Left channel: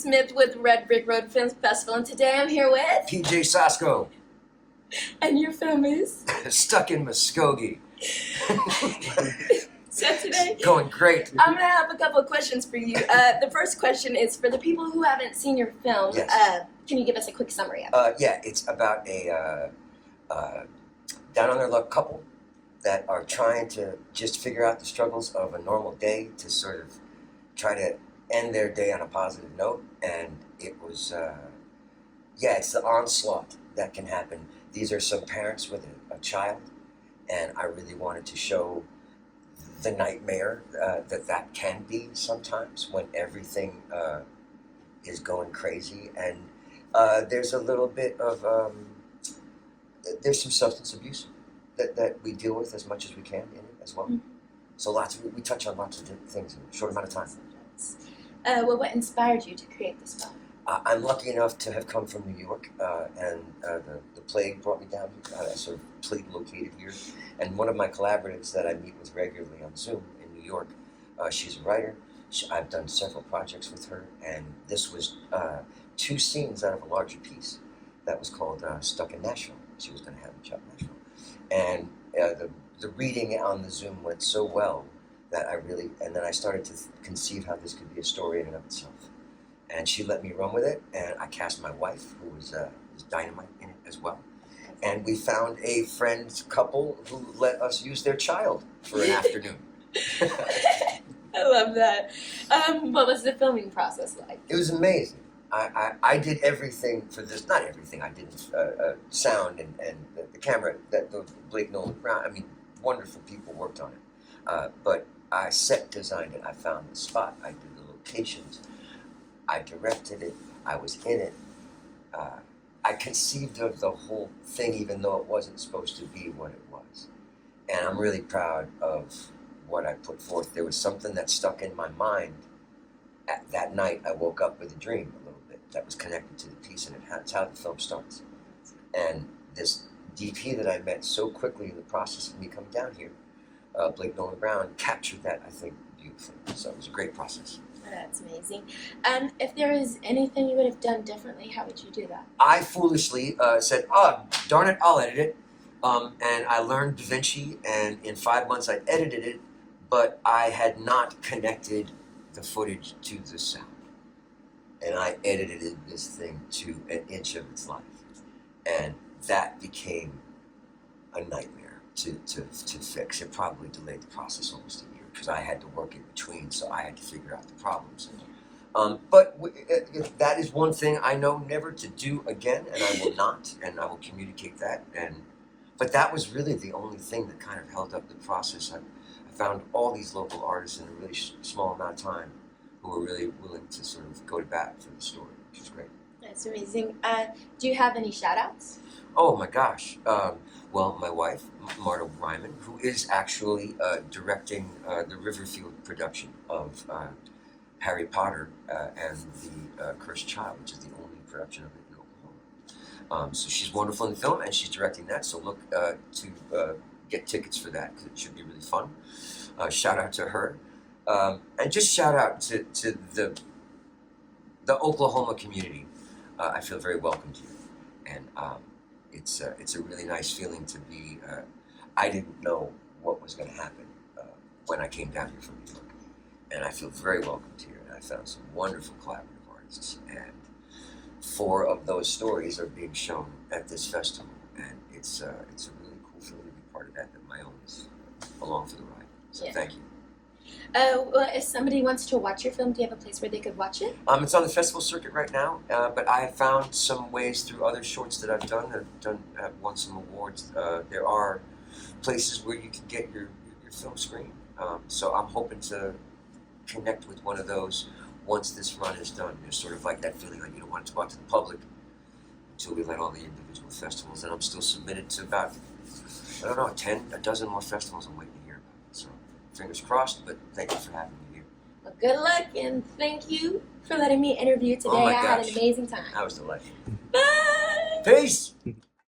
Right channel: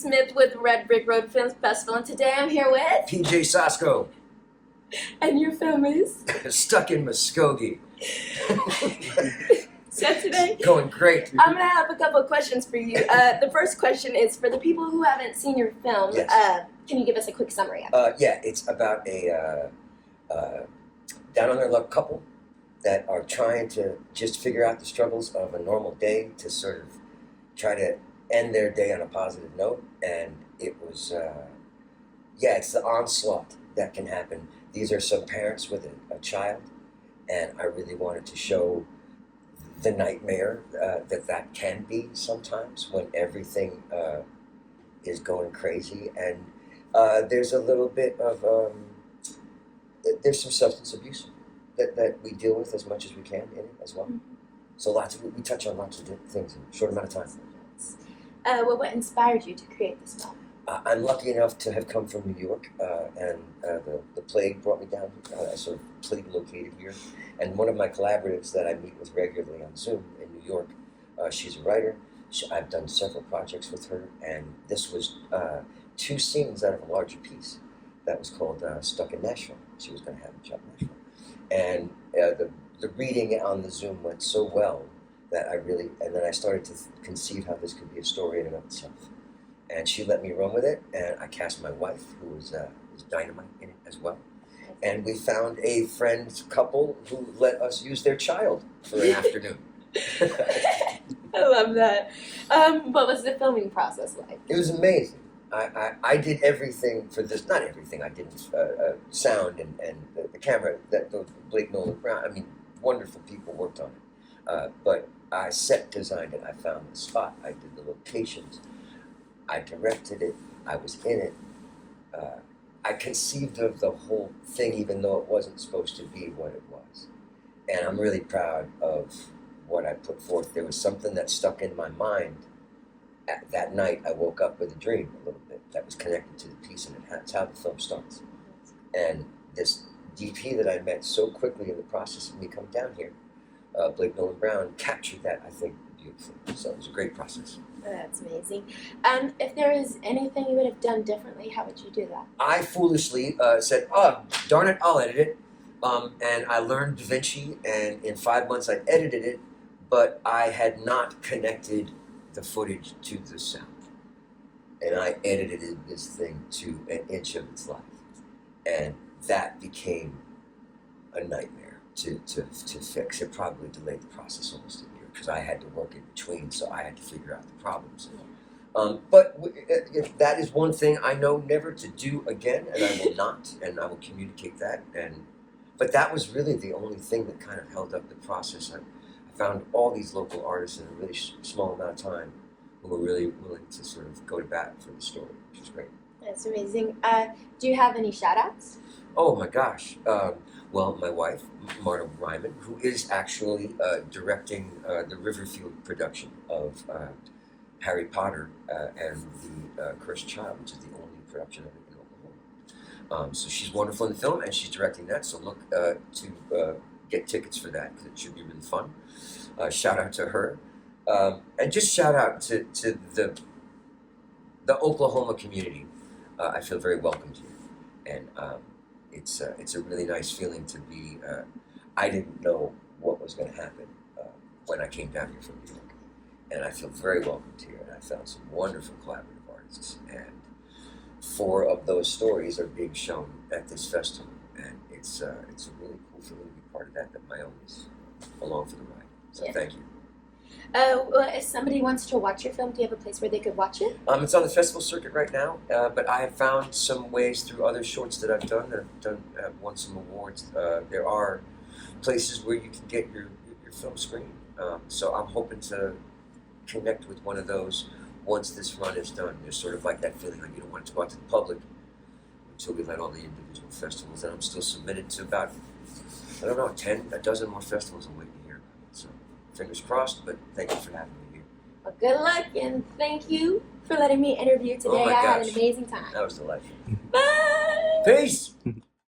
Smith with Red Brick Road Film Festival, and today I'm here with... PJ Sosko. And your film is? Stuck in Muskogee. So today... Going great. I'm going to have a couple of questions for you. The first question is, for the people who haven't seen your film, Yes. Can you give us a quick summary of it? Yeah, it's about a down on their luck couple that are trying to just figure out the struggles of a normal day to sort of try to end their day on a positive note. And it was, it's the onslaught that can happen. These are some parents with a child, and I really wanted to show the nightmare that can be sometimes when everything is going crazy. And there's a little bit of, there's some substance abuse that we deal with as much as we can in it as well. Mm-hmm. So we touch on lots of different things in a short amount of time. Well, what inspired you to create this film? I'm lucky enough to have come from New York, and the plague brought me down. I sort of plague located here. And one of my collaborators that I meet with regularly on Zoom in New York, she's a writer. I've done several projects with her, and this was 2 scenes out of a larger piece that was called Stuck in Nashville. She was going to have me shot in Nashville. And the reading on the Zoom went so well that and then I started to conceive how this could be a story in and of itself. And she let me run with it, and I cast my wife, who was dynamite in it as well. And we found a friend's couple who let us use their child for an afternoon. I love that. What was the filming process like? It was amazing. I did everything for this, not everything, I did sound and the camera, the Blake Nolan Brown, I mean, wonderful people worked on it. But I set designed it, I found the spot, I did the locations, I directed it, I was in it. I conceived of the whole thing even though it wasn't supposed to be what it was. And I'm really proud of what I put forth. There was something that stuck in my mind. That night, I woke up with a dream a little bit that was connected to the piece, and that's how the film starts. And this DP that I met so quickly in the process of me coming down here, Blake Nolan Brown, captured that, I think, beautifully. So it was a great process. Oh, that's amazing. If there was anything you would have done differently, how would you do that? I foolishly said, darn it, I'll edit it. And I learned DaVinci, and in 5 months I edited it, but I had not connected the footage to the sound. And I edited this thing to an inch of its life. And that became a nightmare to fix. It probably delayed the process almost a year because I had to work in between, so I had to figure out the problems. Yeah. But that is one thing I know never to do again, and I will not, and I will communicate that. But that was really the only thing that kind of held up the process. I found all these local artists in a really small amount of time who were really willing to sort of go to bat for the story, which was great. That's amazing. Do you have any shout-outs? Oh my gosh. Well, my wife, Marta Ryman, who is actually directing the Riverfield production of Harry Potter and the Cursed Child, which is the only production of it in Oklahoma. So she's wonderful in the film, and she's directing that, so look to get tickets for that, because it should be really fun. Shout out to her. And just shout out to the Oklahoma community. I feel very welcomed here. And it's a really nice feeling to be, I didn't know what was going to happen when I came down here from New York. And I feel very welcomed here. And I found some wonderful collaborative artists. And 4 of those stories are being shown at this festival. And it's a really cool feeling to be part of that my own is along for the ride. So thank you. Well, if somebody wants to watch your film, do you have a place where they could watch it? It's on the festival circuit right now, but I have found some ways through other shorts that I've done that have won some awards. There are places where you can get your film screened. So I'm hoping to connect with one of those once this run is done. There's sort of like that feeling like you don't want it to go out to the public until we let all the individual festivals. And I'm still submitted to about, I don't know, a dozen more festivals I'm waiting to hear about. So fingers crossed, but thank you for having me here. Well, good luck, and thank you for letting me interview today. Oh my gosh. I had an amazing time. That was delightful. Bye! Peace!